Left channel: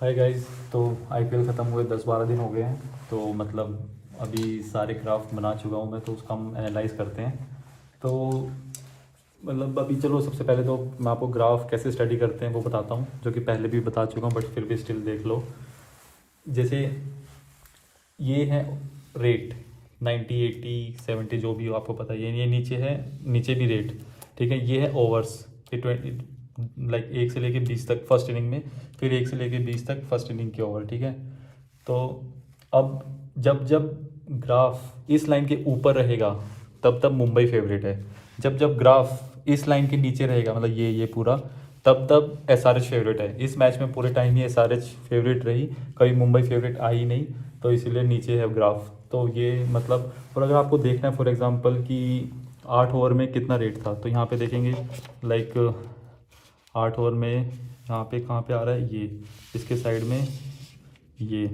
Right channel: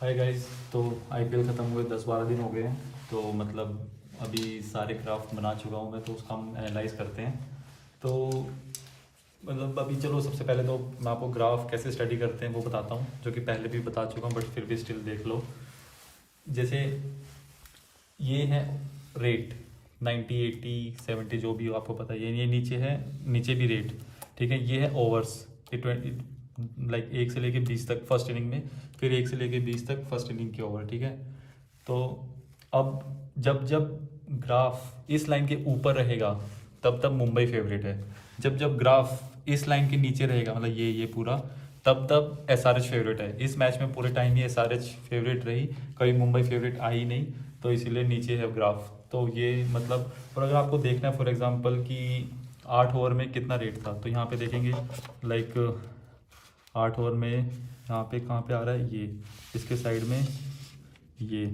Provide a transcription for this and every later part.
Hi guys. तो IPL ख़त्म हुए 10-12 दिन हो गए हैं। तो मतलब अभी सारे क्राफ्ट बना चुका हूँ मैं, तो उसका हम एनालाइज करते हैं। तो मतलब अभी चलो सबसे पहले तो मैं आपको ग्राफ कैसे स्टडी करते हैं वो बताता हूँ, जो कि पहले भी बता चुका हूँ बट फिर भी स्टिल देख लो। जैसे ये है रेट 90 80 70 जो भी हो आपको पता है, ये नीचे है, नीचे भी रेट। ठीक है, ये है ओवर्स, ये 20 लाइक 1 से लेके 20 तक फर्स्ट इनिंग में, फिर 1 से लेके 20 तक फर्स्ट इनिंग के ओवर। ठीक है, तो अब जब जब ग्राफ इस लाइन के ऊपर रहेगा तब तब मुंबई फेवरेट है। जब जब ग्राफ इस लाइन के नीचे रहेगा, मतलब ये पूरा, तब तब एसआरएच फेवरेट है। इस मैच में पूरे टाइम ही एसआरएच फेवरेट रही, कभी मुंबई फेवरेट आई नहीं, तो इसीलिए नीचे है ग्राफ। तो ये मतलब, और अगर आपको देखना है फॉर एग्जांपल कि 8 ओवर में कितना रेट था, तो यहाँ पे देखेंगे लाइक 8 ओवर में यहाँ पे कहाँ पे आ रहा है, ये इसके साइड में ये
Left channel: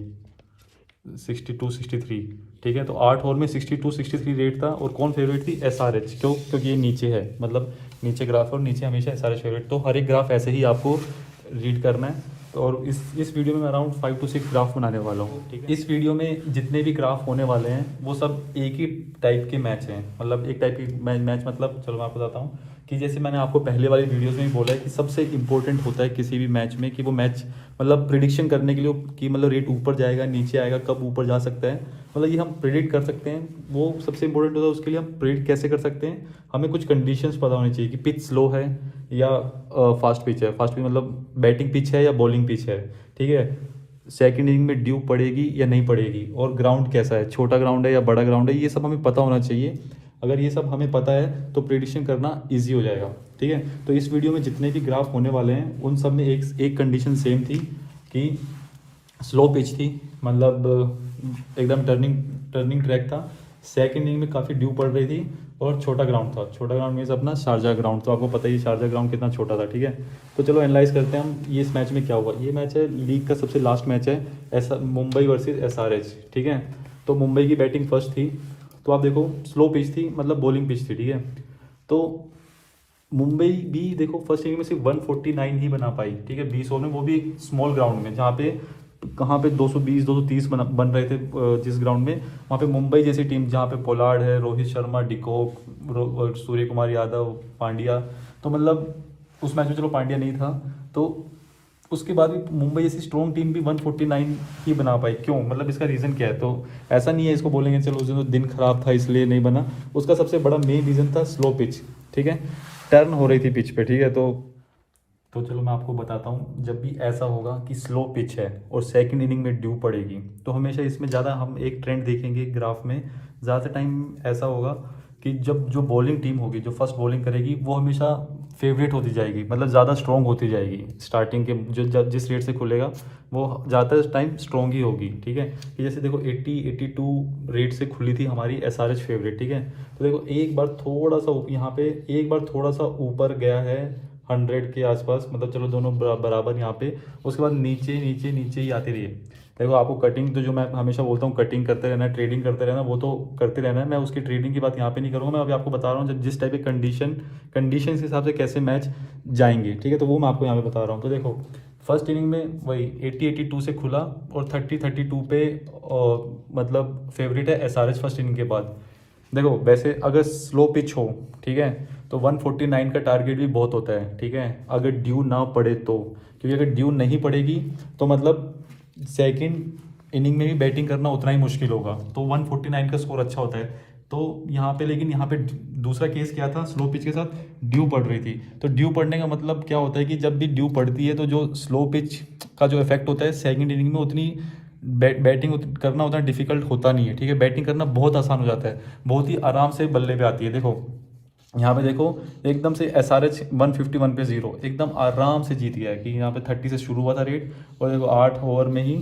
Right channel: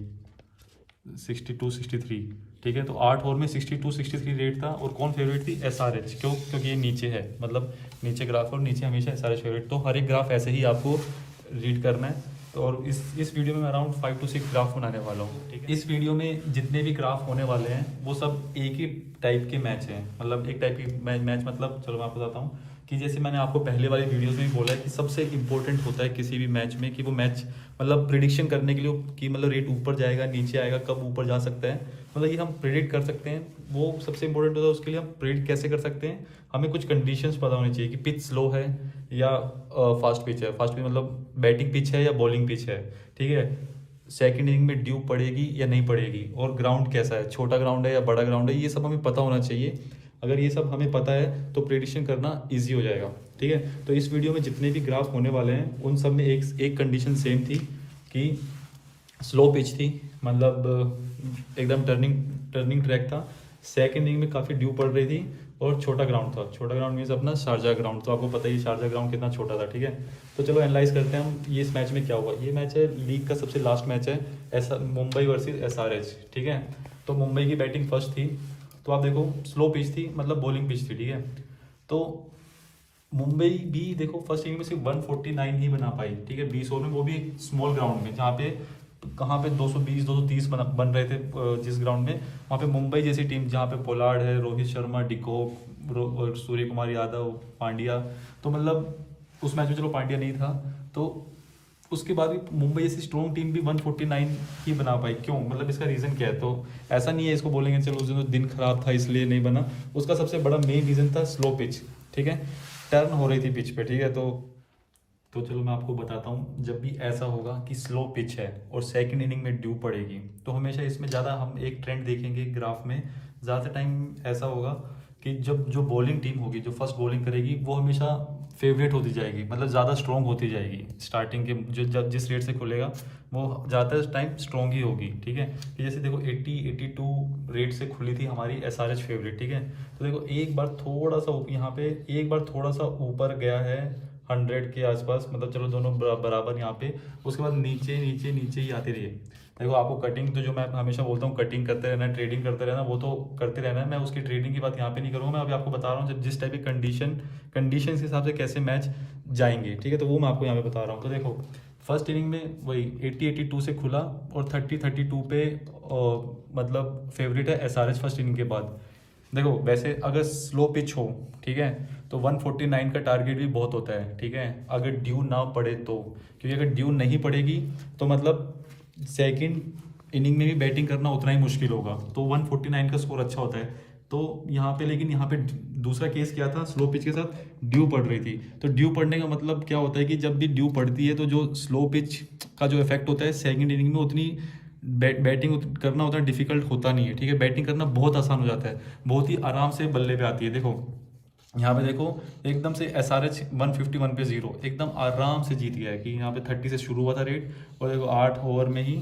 62 63। ठीक है, तो 8 ओवर में 62 63 रेट था। और कौन फेवरेट थी? एसआरएच। क्यों? क्योंकि ये नीचे है, मतलब नीचे ग्राफ और नीचे हमेशा एसआरएच फेवरेट। तो हर एक ग्राफ ऐसे ही आपको रीड करना है। तो और इस वीडियो में मैं अराउंड 5 to 6 ग्राफ बनाने वाला हूँ। ठीक है, इस वीडियो में जितने भी ग्राफ होने वाले हैं वो सब एक ही टाइप के मैच हैं। मतलब एक टाइप की मैच मतलब, चलो मैं आपको बताता हूँ कि जैसे मैंने आपको पहले वाली वीडियोस में भी बोला है कि सबसे इंपॉर्टेंट होता है किसी भी मैच में कि वो मैच मतलब प्रिडिक्शन करने के लिए कि मतलब रेट ऊपर जाएगा नीचे आएगा, कब ऊपर जा सकता है, मतलब ये हम प्रिडिक्ट कर सकते हैं। वो सबसे इंपॉर्टेंट होता है। उसके लिए हम प्रिडिक्ट कैसे कर सकते हैं? हमें कुछ कंडीशंस पता होनी चाहिए कि पिच स्लो है या फास्ट पिच है। फास्ट पिच मतलब बैटिंग पिच है या बॉलिंग पिच है। ठीक है, सेकंड इनिंग में ड्यू पड़ेगी या नहीं पड़ेगी, और ग्राउंड कैसा है, छोटा ग्राउंड है या बड़ा ग्राउंड है, ये सब हमें पता होना चाहिए। अगर ये सब हमें पता है तो प्रिडिक्शन करना ईजी हो जाएगा। ठीक है, तो इस वीडियो में जितने भी ग्राफ होने वाले हैं उन सब में एक कंडीशन सेम थी कि स्लो पिच थी, मतलब एकदम टर्निंग टर्निंग ट्रैक था। सेकंड इनिंग में काफ़ी ड्यू पड़ रही थी, और छोटा ग्राउंड था। छोटा ग्राउंड मीन्स अपना शारजा ग्राउंड, तो आपको पता ही शारजा ग्राउंड कितना छोटा था। ठीक है, तो चलो एनालाइज करते हैं हम ये इस मैच में क्या हुआ। ये मैच है लीग का सबसे लास्ट मैच है, ऐसा मुंबई वर्सेस एसआरएच। ठीक है, तो मुंबई की बैटिंग फर्स्ट थी। तो आप देखो स्लो पिच थी, मतलब बॉलिंग पिच थी। ठीक है, तो मुंबई भी देखो फर्स्ट इनिंग में सिर्फ 149 ही बना पाई। ठीक है, 20 ओवर में, वो भी एक स्मॉल ग्राउंड में, जहाँ पे कहाँ पे 220 230 बन रहे थे जिस ग्राउंड में, वहाँ पे मुंबई जैसी टीम जहाँ पे पोलार्ड है, रोहित शर्मा, डिकॉक और सूर्य कुमार यादव, पांड्या, तो मतलब उस मैच में चलो पांड्या नहीं था, तो उसके बाद भी मुंबई जैसी स्ट्रॉन्ग टीम भी 149 ही बना पाई। क्यों? मतलब इसका रीज़न क्या है? तो ऐसा नहीं है इसको बोलेंगे चलो उस दिन तो दिन खराब था इसलिए नहीं बना। उसका सबसे बड़ा मेन रीज़न था स्लो पिच। ठीक है, टर्न हो रही थी पिच पे। ठीक है, तो चलो मैं आपको बताता हूँ। जब भी ऐसा होगा कि स्लो पिच है और सेकंड इनिंग में ड्यू पड़ेगी, तो हमेशा इसमें ज़्यादा हम एक ट्रेंड देखेंगे ग्राफ में। ज़्यादा टाइम ऐसा होगा कि जब जो बॉलिंग टीम होगी, जो फर्स्ट बॉलिंग करेगी, वो हमेशा फेवरेट होती जाएगी, मतलब ज़्यादा स्ट्रॉन्ग होती जाएगी। स्टार्टिंग के जो जब जिस रेट से खुलेगा वो ज़्यादातर टाइम स्ट्रॉन्ग ही होगी। ठीक है, कि जैसे देखो 80 82 रेट से खुली थी हमारी एसआरएच फेवरेट। ठीक है, तो देखो एक बार थोड़ा सा यहाँ पे एक बार थोड़ा सा ऊपर गया है 100 के आसपास, मतलब चलो दोनों बराबर यहाँ पे। उसके बाद नीचे नीचे नीचे ही आती रही है। देखो आपको कटिंग, तो जो मैं हमेशा बोलता हूँ कटिंग करते रहना है, ट्रेडिंग करते रहना, वो तो करते रहना है। मैं उसकी ट्रेडिंग की बात यहाँ पे नहीं करूँगा। मैं अभी आपको बता रहा हूँ जिस टाइप की कंडीशन के हिसाब से कैसे मैच जाएंगे। ठीक है, तो वो मैं आपको यहाँ पे बता रहा हूँ। तो देखो फर्स्ट इनिंग में वही 80 82 से खुला, और 30 32 पे मतलब फेवरेट है एसआरएच फर्स्ट इनिंग के बाद। देखो वैसे अगर स्लो पिच हो, ठीक है, तो 149 का टारगेट भी बहुत होता है। ठीक है, अगर ड्यू ना पड़े तो, क्योंकि अगर ड्यू नहीं पड़ेगी तो मतलब सेकंड इनिंग में भी बैटिंग करना उतना ही मुश्किल होगा। तो 149 का स्कोर अच्छा होता है। तो यहाँ पे, लेकिन यहाँ पे दूसरा केस क्या था, स्लो पिच के साथ ड्यू पड़ रही थी। तो ड्यू पड़ने का मतलब क्या होता है कि जब भी ड्यू पड़ती है तो जो स्लो पिच का जो इफेक्ट होता है सेकंड इनिंग में, उतनी बैटिंग करना उतना डिफिकल्ट होता नहीं है। ठीक है, बैटिंग करना बहुत आसान हो जाता है, बहुत ही आराम से बल्ले पे आती है। देखो यहाँ पे देखो एकदम से एस आर एच 151 पे 0 एकदम आराम से जीत गया है, कि यहाँ पे 30 से शुरू हुआ था रेट, और देखो 8 ओवर में ही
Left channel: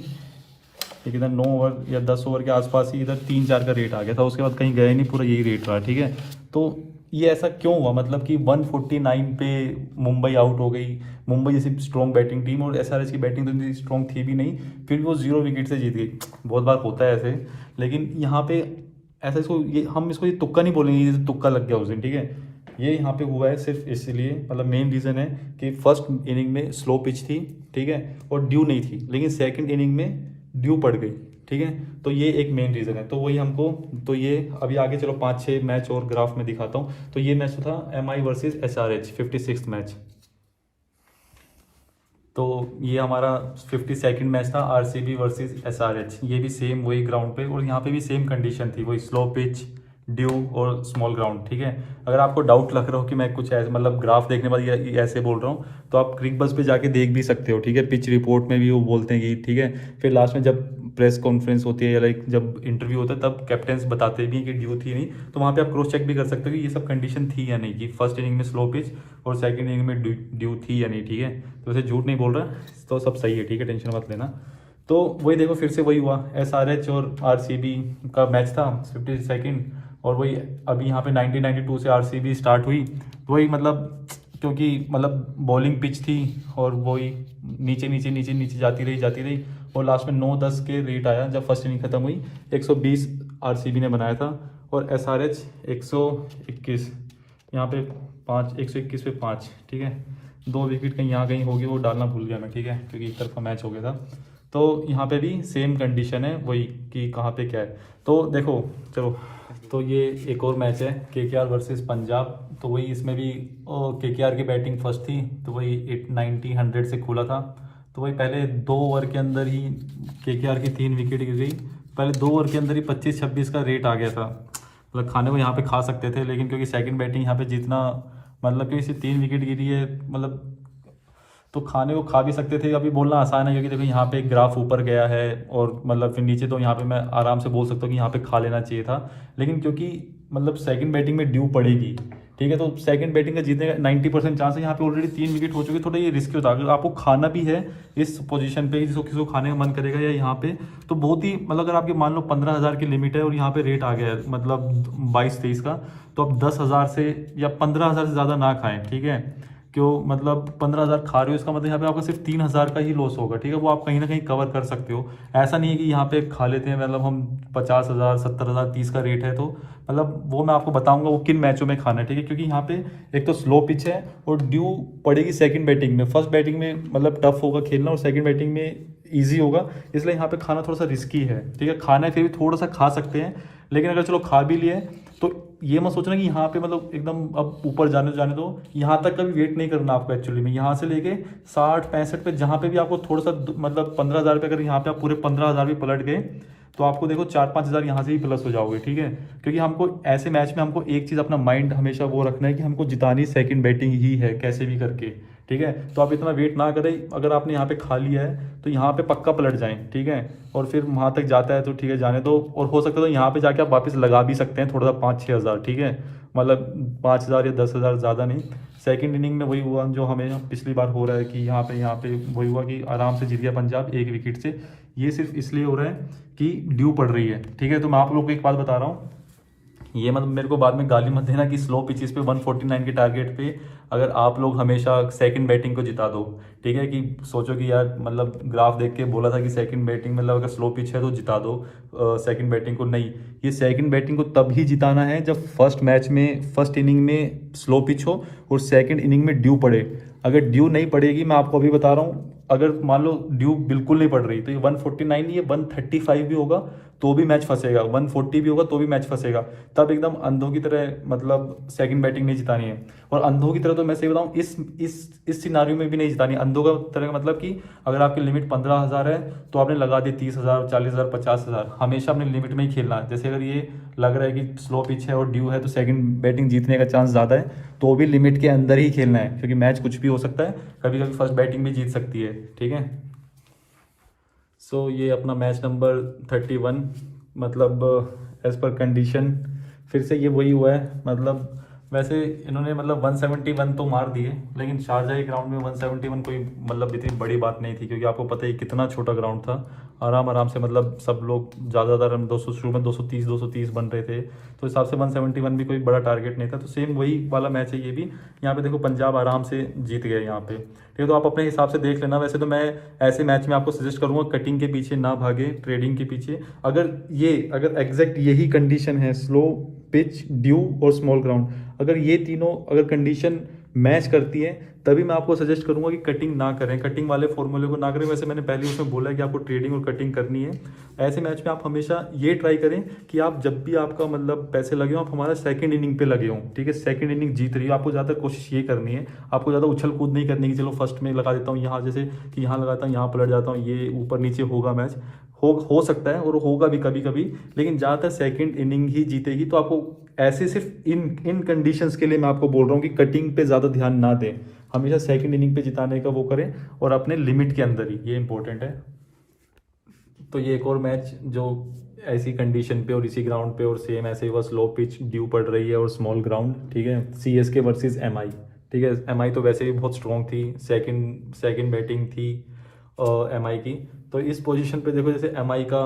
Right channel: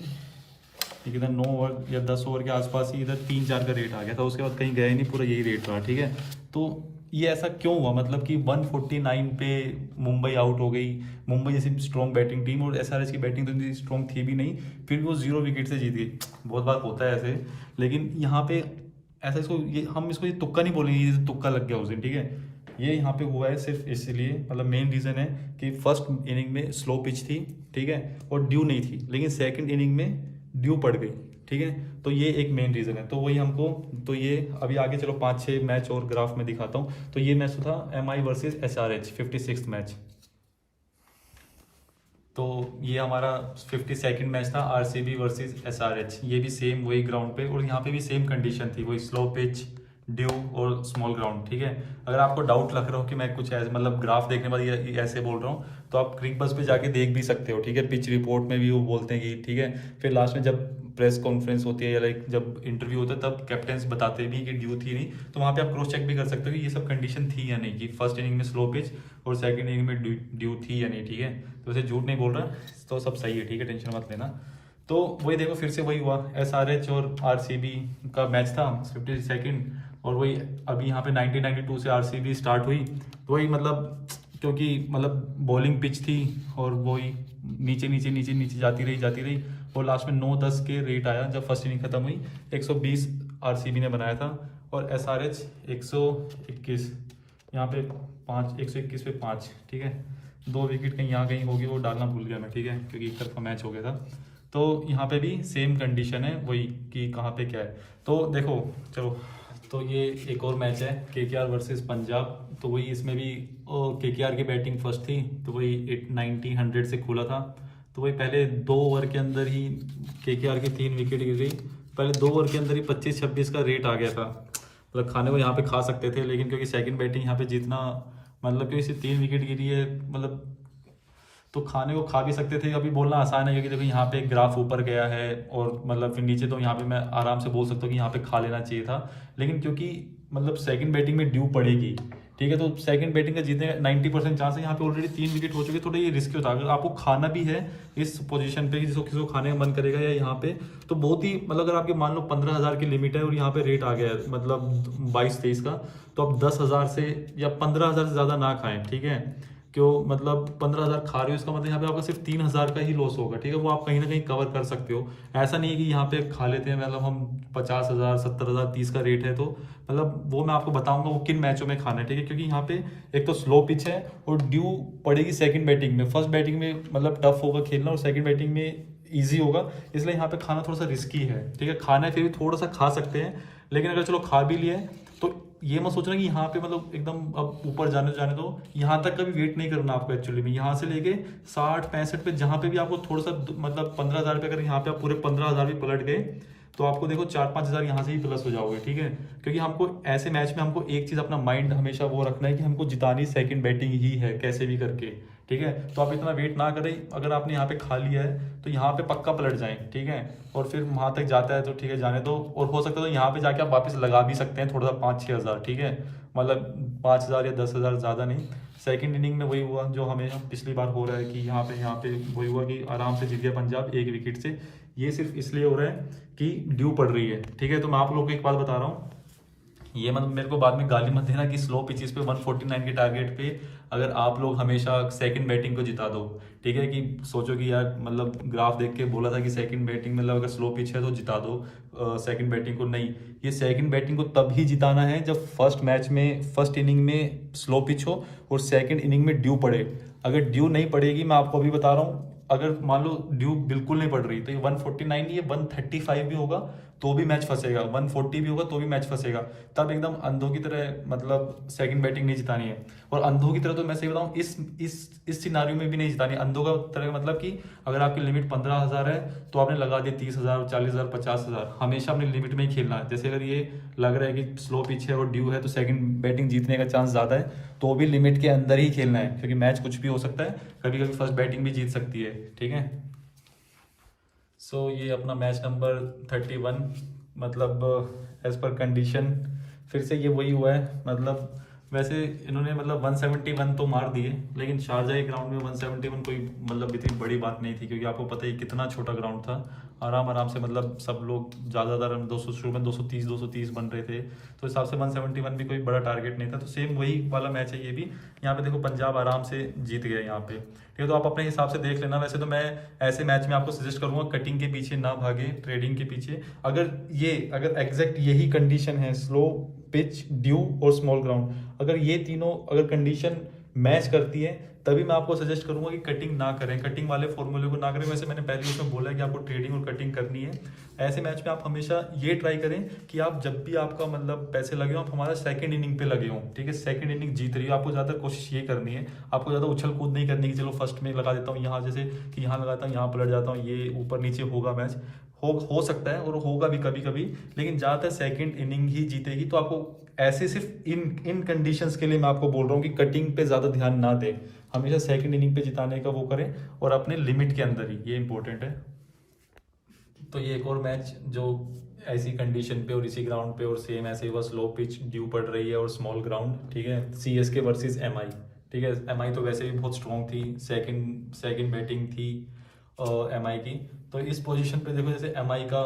एक इधर 9 ओवर या 10 ओवर के आसपास ही इधर 3-4 का रेट आ गया था। उसके बाद कहीं गया ही नहीं, पूरा यही रेट रहा। ठीक है, तो ये ऐसा क्यों हुआ, मतलब कि 149 पे मुंबई आउट हो गई। मुंबई जैसी स्ट्रॉन्ग बैटिंग टीम, और एसआरएच की बैटिंग तो इतनी स्ट्रॉन्ग थी भी नहीं, फिर भी वो 0 विकेट से जीत गई। बहुत बार होता है ऐसे, लेकिन यहाँ पे ऐसा इसको ये हम इसको ये तुक्का नहीं बोलेंगे, ये तुक्का लग गया उस दिन। ठीक है, ये यहाँ पे हुआ है सिर्फ इसलिए, मतलब मेन रीज़न है कि फर्स्ट इनिंग में स्लो पिच थी, ठीक है, और ड्यू नहीं थी, लेकिन सेकंड इनिंग में ड्यू पड़ गई, ठीक है। तो ये एक मेन रीज़न है। तो वही हमको, तो ये अभी आगे चलो 5-6 मैच और ग्राफ में दिखाता हूँ। तो ये मैच था MI versus SRH 56th match. तो ये हमारा 52nd मैच था RCB वर्सेस SRH। ये भी सेम वही ग्राउंड पे, और यहाँ पे भी सेम कंडीशन थी, वही स्लो पिच, ड्यू और स्मॉल ग्राउंड, ठीक है। अगर आपको डाउट लग रहा हो कि मैं कुछ ऐसे मतलब ग्राफ देखने बाद ये ऐसे बोल रहा हूँ, तो आप क्रिक बस पे जाके देख भी सकते हो, ठीक है। पिच रिपोर्ट में भी वो बोलते हैं कि, ठीक है, फिर लास्ट में जब प्रेस कॉन्फ्रेंस होती है या लाइक जब इंटरव्यू होता है तब कैप्टन्स बताते भी कि ड्यू थी नहीं, तो वहाँ पे आप क्रॉस चेक भी कर सकते हो कि ये सब कंडीशन थी या नहीं, कि फर्स्ट इनिंग में स्लो पिच और सेकंड इनिंग में ड्यू थी या नहीं, ठीक है। तो वैसे झूठ नहीं बोल रहा, तो सब सही है, ठीक है, टेंशन मत लेना। तो वही देखो फिर से वही हुआ, SRH और RCB का मैच था 52nd, और वही अभी यहाँ पे 1992 से RCB स्टार्ट हुई। वही मतलब क्योंकि मतलब बॉलिंग पिच थी, और वही नीचे नीचे नीचे नीचे जाती रही, और लास्ट में 9-10 के रेट आया जब फर्स्ट इनिंग खत्म हुई। 120 RCB ने बनाया था, और SRH 121, यहाँ पे 121 पे 5, ठीक है। 2 विकेट कहीं यहाँ कहीं होगी, वो डालना भूल गया मैं, ठीक है, क्योंकि एक तरफा मैच हो गया था। तो यहाँ पे भी सेम कंडीशन है वही कि कहाँ पे क्या है। तो देखो चलो, तो ये एक और मैच है KKR वर्सेस पंजाब। तो वही इसमें भी KKR की बैटिंग फर्स्ट थी, तो वही 90-100 से खुला था। तो वही पहले 2 ओवर के अंदर ही KKR की 3 विकेट गिरी। पहले 2 ओवर के अंदर ही 25-26 का रेट आ गया था, मतलब खाने को यहाँ पे खा सकते थे, लेकिन क्योंकि सेकंड बैटिंग यहाँ पे जीतना, मतलब कि इसे 3 विकेट गिरी है, मतलब तो खाने को खा भी सकते थे। अभी बोलना आसान है, क्योंकि देखो यहाँ पे ग्राफ ऊपर गया है, और मतलब फिर नीचे, तो यहाँ पे मैं आराम से बोल सकता हूँ कि यहाँ पे खा लेना चाहिए था, लेकिन क्योंकि मतलब सेकंड बैटिंग में ड्यू पड़ेगी, ठीक है, तो सेकंड बैटिंग का जीतने का 90% चांस है। यहाँ पे ऑलरेडी 3 विकेट हो चुके, थोड़ा ये रिस्की होता है। अगर आपको खाना भी है इस पोजीशन पे, किसी को खाने का मन करेगा या यहाँ पे, तो बहुत ही मतलब अगर आपकी मान लो 15,000 की लिमिट है और यहाँ पे रेट आ गया है मतलब 22-23 का, तो आप 10,000 से या 15,000 से ज़्यादा ना खाएं, ठीक है। क्यों, मतलब 15,000 खा रहे हो, इसका मतलब यहाँ पे आपका सिर्फ 3,000 का ही लॉस होगा, ठीक है। वो आप कहीं ना कहीं कवर कर सकते हो। ऐसा नहीं है कि यहाँ पे खा लेते हैं, मतलब हम 50,000, 70,000, 30 का रेट है, तो मतलब वो मैं आपको बताऊंगा वो किन मैचों में खाना है, ठीक है। क्योंकि यहाँ पे एक तो स्लो पिच है, और ड्यू पड़ेगी सेकंड बैटिंग में। फर्स्ट बैटिंग में मतलब टफ होगा खेलना, और सेकंड बैटिंग में ईजी होगा, इसलिए यहाँ पे खाना थोड़ा सा रिस्की है, ठीक है। खाना है फिर भी थोड़ा सा खा सकते हैं, लेकिन अगर चलो खा भी लिए, तो ये मत सोचना कि यहाँ पे मतलब एकदम अब ऊपर जाने दो। यहाँ तक का भी वेट नहीं करना आपको एक्चुअली में। यहाँ से लेके 60-65 पे जहाँ पे भी आपको थोड़ा सा मतलब 15,000 पे, अगर यहाँ पे आप पूरे 15,000 भी पलट गए, तो आपको देखो 4-5 हज़ार यहाँ से ही प्लस हो जाओगे, ठीक है। क्योंकि हमको ऐसे मैच में हमको एक चीज़ अपना माइंड हमेशा वो रखना है कि हमको जितानी सेकंड बैटिंग ही है कैसे भी करके, ठीक है। तो आप इतना वेट ना करें, अगर आपने यहाँ पे खा लिया है तो यहाँ पे पक्का पलट जाएं, ठीक है। और फिर वहाँ तक जाता है तो ठीक है, जाने दो। और हो सकता है तो यहाँ पे जाके आप वापस लगा भी सकते हैं थोड़ा सा 5-6 हज़ार, ठीक है, मतलब 5,000 या 10,000 ज़्यादा नहीं। सेकंड इनिंग में वही हुआ जो हमें पिछली बार हो रहा है कि यहाँ पे वही हुआ कि आराम से जीत गया पंजाब 1 विकेट से। ये सिर्फ इसलिए हो रहा है कि ड्यू पड़ रही है, ठीक है। तो मैं आप लोगों को एक बात बता रहा हूँ, ये मतलब मेरे को बाद में गाली मत देना कि स्लो पिचेस पे 149 के टारगेट पे अगर आप लोग हमेशा सेकंड बैटिंग को जिता दो, ठीक है। कि सोचो कि यार मतलब ग्राफ देख के बोला था कि सेकंड बैटिंग मतलब अगर स्लो पिच है तो जिता दो सेकंड बैटिंग को, नहीं। ये सेकंड बैटिंग को तब ही जिताना है जब फर्स्ट मैच में फर्स्ट इनिंग में स्लो पिच हो और सेकंड इनिंग में ड्यू पड़े। अगर ड्यू नहीं पड़ेगी, मैं आपको अभी बता रहा हूँ, अगर मान लो ड्यू बिल्कुल नहीं पड़ रही, तो ये 149 नहीं है, 135 भी होगा तो भी मैच फंसेगा, 140 भी होगा तो भी मैच फंसेगा। तब एकदम अंधों की तरह मतलब सेकंड बैटिंग नहीं जितानी है। और अंधों की तरह तो मैं सही बताऊं, इस सिनारियो में भी नहीं जितानी। अंधों का तरह का मतलब कि अगर आपकी लिमिट 15,000 है तो आपने लगा दी 30,000, 40,000, 50,000, हमेशा अपनी लिमिट में ही खेलना है। जैसे अगर ये लग रहा है कि स्लो पिच है और ड्यू है तो सेकंड बैटिंग जीतने का चांस ज़्यादा है, तो भी लिमिट के अंदर ही खेलना है, क्योंकि मैच कुछ भी हो सकता है, कभी कभी फर्स्ट बैटिंग भी जीत सकती है, ठीक है। सो ये अपना मैच नंबर 31 मतलब एज पर कंडीशन फिर से ये वही हुआ है। मतलब वैसे इन्होंने मतलब 171 तो मार दिए, लेकिन शारजाह ग्राउंड में 171 कोई मतलब इतनी बड़ी बात नहीं थी, क्योंकि आपको पता है कितना छोटा ग्राउंड था आराम से, मतलब सब लोग ज़्यादा 200, शुरू में 230 बन रहे थे, तो हिसाब से 171 भी कोई बड़ा टारगेट नहीं था। तो सेम वही वाला मैच है ये भी। यहाँ पे देखो पंजाब आराम से जीत गए यहाँ पे, ठीक है। तो आप अपने हिसाब से देख लेना। वैसे तो मैं ऐसे मैच में आपको सजेस्ट करूंगा कटिंग के पीछे ना भागे, ट्रेडिंग के पीछे। अगर एग्जैक्ट यही कंडीशन है, स्लो पिच, ड्यू और स्मॉल ग्राउंड, अगर ये तीनों अगर कंडीशन मैच करती है, तभी मैं आपको सजेस्ट करूंगा कि कटिंग ना करें, कटिंग वाले फॉर्मूले को ना करें। वैसे मैंने पहले इसमें बोला है कि आपको ट्रेडिंग और कटिंग करनी है। ऐसे मैच में आप हमेशा ये ट्राई करें कि आप जब भी आपका मतलब पैसे लगे हो, आप हमारा सेकंड इनिंग पे लगे हो, ठीक है। सेकंड इनिंग जीत रही है, आपको ज़्यादा कोशिश ये करनी है, आपको ज़्यादा उछल कूद नहीं करनी कि चलो फर्स्ट में लगा देता हूँ यहाँ, जैसे कि यहाँ लगाता हूँ यहाँ पलट जाता हूँ, ये ऊपर नीचे होगा मैच, हो सकता है और होगा भी कभी कभी, लेकिन ज़्यादातर सेकंड इनिंग ही जीतेगी। तो आपको ऐसे सिर्फ इन कंडीशंस के लिए मैं आपको बोल रहा हूँ कि कटिंग पे ज़्यादा ध्यान ना दें, हमेशा सेकंड इनिंग पे जिताने का वो करें और अपने लिमिट के अंदर ही, ये इंपॉर्टेंट है। तो ये एक और मैच जो ऐसी कंडीशन पे और इसी ग्राउंड पे और सेम ऐसे ही बस लो पिच ड्यू पड़ रही है और स्मॉल ग्राउंड, ठीक है। CSK वर्सेस MI, ठीक है। MI तो वैसे भी बहुत स्ट्रॉन्ग थी, सेकंड बैटिंग थी MI की। तो इस पोजीशन पे देखो, जैसे MI का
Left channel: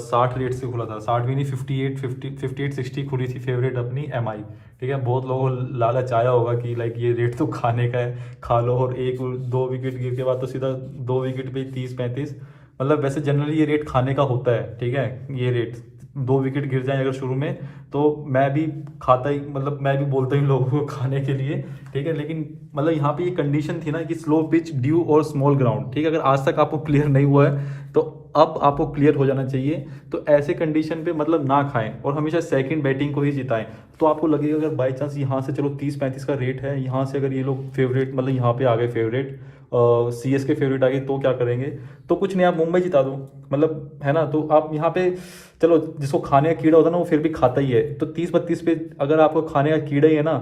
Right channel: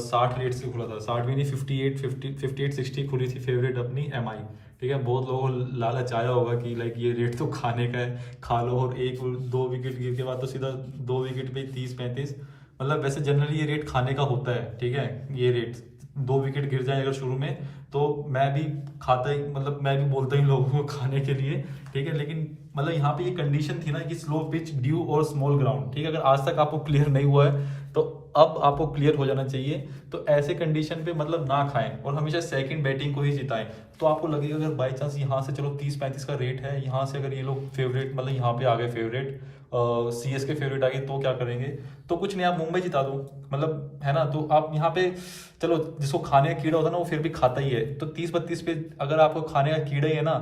60 रेट से खुला था, 60 भी नहीं, 58-60 खुली थी फेवरेट अपनी MI, ठीक है। बहुत लोगों को लालच आया होगा कि लाइक ये रेट तो खाने का है, खा लो, और 1-2 विकेट गिर के बाद तो सीधा 2 विकेट पे 30-35, मतलब वैसे जनरली ये रेट खाने का होता है, ठीक है। ये रेट 2 विकेट गिर जाए अगर शुरू में, तो मैं भी खाता ही, मतलब मैं भी बोलता ही लोगों को खाने के लिए, ठीक है। लेकिन मतलब यहाँ पे ये कंडीशन थी ना कि स्लो पिच, ड्यू और स्मॉल ग्राउंड, ठीक है। अगर आज तक आपको क्लियर नहीं हुआ है तो अब आपको क्लियर हो जाना चाहिए। तो ऐसे कंडीशन पे मतलब ना खाएं और हमेशा सेकंड बैटिंग को ही जिताएं। तो आपको लगेगा अगर बाई चांस यहाँ से चलो 30-35 का रेट है, यहाँ से अगर ये लोग फेवरेट, मतलब यहाँ पे आ गए फेवरेट, CSK फेवरेट आ गई, तो क्या करेंगे? तो कुछ नहीं, आप मुंबई जिता दो, मतलब है ना। तो आप यहाँ पे चलो, जिसको खाने का कीड़ा होता है ना वो फिर भी खाता ही है, तो 30-32 पे अगर आपको खाने का कीड़ा ही है ना,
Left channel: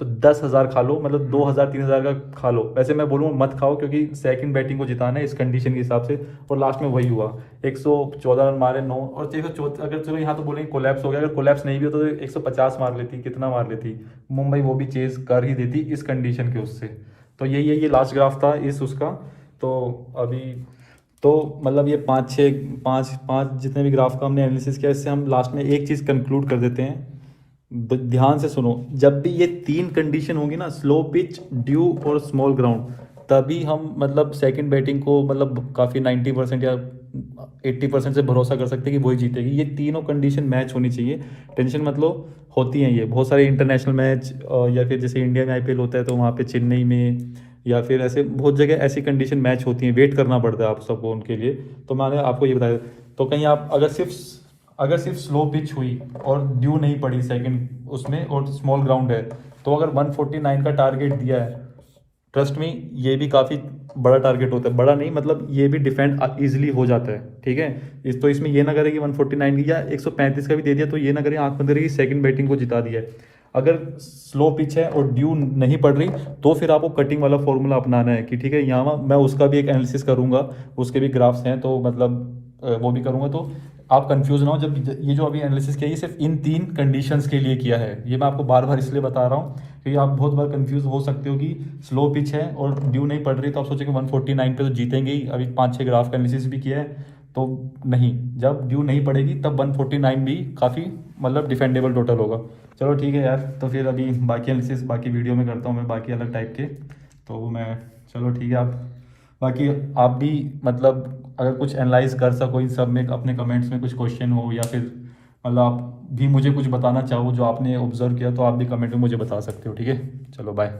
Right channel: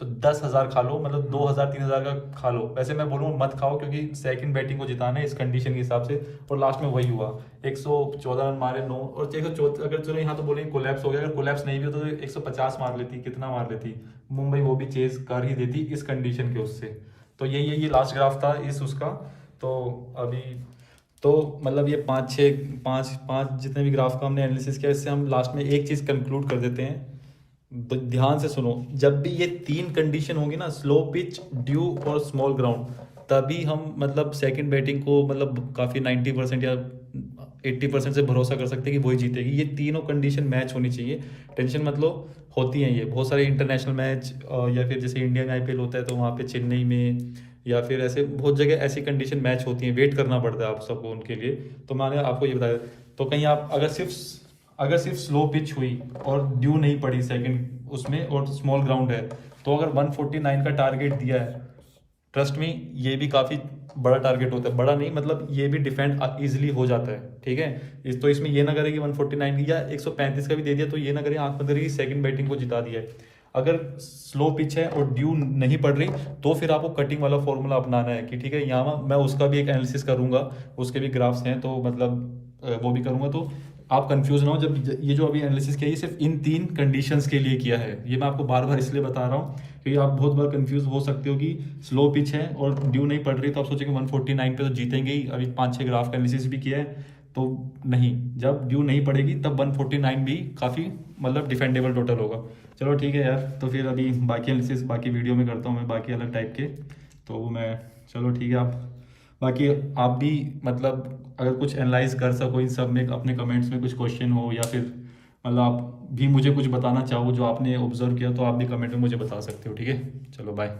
तो 10,000 खा लो, मतलब 2,000-3,000 का खा लो। वैसे मैं बोलूँगा मत खाओ, क्योंकि सेकंड बैटिंग को जिताना है इस कंडीशन के हिसाब से। और लास्ट में वही हुआ, 114 रन मारे 9, और 114, अगर चलो यहाँ तो बोलेंगे कोलैप्स हो गया, अगर कोलैप्स नहीं भी होता तो 150 मार लेती, कितना मार लेती मुंबई, वो भी चेज कर ही देती इस कंडीशन के उससे। तो ये लास्ट ग्राफ था इस उसका। तो अभी तो मतलब ये 5 जितने भी ग्राफ का हमने एनालिसिस किया, इससे हम लास्ट में एक चीज़ कंक्लूड कर देते हैं। ध्यान से सुनो, जब भी ये 3 कंडीशन होगी ना, स्लो पिच, ड्यू और स्मॉल ग्राउंड, तभी हम मतलब सेकंड बैटिंग को मतलब काफ़ी 90% या 80% से भरोसा कर सकते हैं कि वही जीतेगी। ये तीनों कंडीशन मैच होनी चाहिए, टेंशन मतलब होती हैं ये बहुत सारे इंटरनेशनल मैच, या फिर जैसे इंडिया में IPL होता है तो वहाँ पे चेन्नई में या फिर ऐसे बहुत जगह ऐसी कंडीशन मैच होती हैं, वेट करना पड़ता है आप सबको उनके लिए। तो मैंने आपको ये बताया। तो कहीं आप अगर सिर्फ स्लो पिच हुई और ड्यू नहीं पड़ी सेकंड उसमें और स्मॉल ग्राउंड है, तो अगर 149 का टारगेट दिया है, ट्रस्ट में ये भी काफ़ी बड़ा टारगेट होता है, बड़ा नहीं मतलब ये भी डिफेंड इजीली हो जाता है, ठीक है। तो इसमें ये ना करें कि 149 या 135 का भी दे दिया तो ये ना करें आंख बंद करके सेकंड बैटिंग को जिता दिया है। अगर स्लो पिच है और ड्यू नहीं पड़ रही, तो फिर आपको कटिंग वाला फॉर्मूला अपनाना है कि ठीक है, यहाँ मैं उसका भी एक एनालिसिस करूंगा, उसके भी ग्राफ्स हैं, तो मतलब वो भी करूंगा। तो आप कंफ्यूज ना हो, जब ये जो अभी एनालिसिस किया ये सिर्फ इन 3 कंडीशंस के लिए किया है। ये मैं आपको बार बार इसलिए बता रहा हूँ क्योंकि आप बहुत बार कंफ्यूज हो सकते हो कि स्लो पिच है और ड्यू नहीं पड़ रही, तो आप सोचेंगे 149 पे तो जीतेंगे ही। अभी 5-6 ग्राफ का एनालिसिस भी किया है, तो नहीं, जब ड्यू नहीं पड़ेगी तब 149 भी काफ़ी मतलब डिफेंडेबल टोटल होगा। चलो ठीक है यार, तो फिर अभी बाकी एनालिसिस बाकी वीडियो में करता हूँ मैं, बाकी अलग टाइप के। तो मैं चलो ठीक है, आप बाकी आप भी मतलब अगर कुछ एनालाइज कर सको इन सब में, अपने कमेंट्स में कुछ क्वेश्चन हो या फिर मतलब आप भी मुझे कुछ बताना चाहो जो आपने ऑब्जर्व किया, तो आप भी कमेंट में मुझे बता सकते हो, ठीक है। चलो बाय।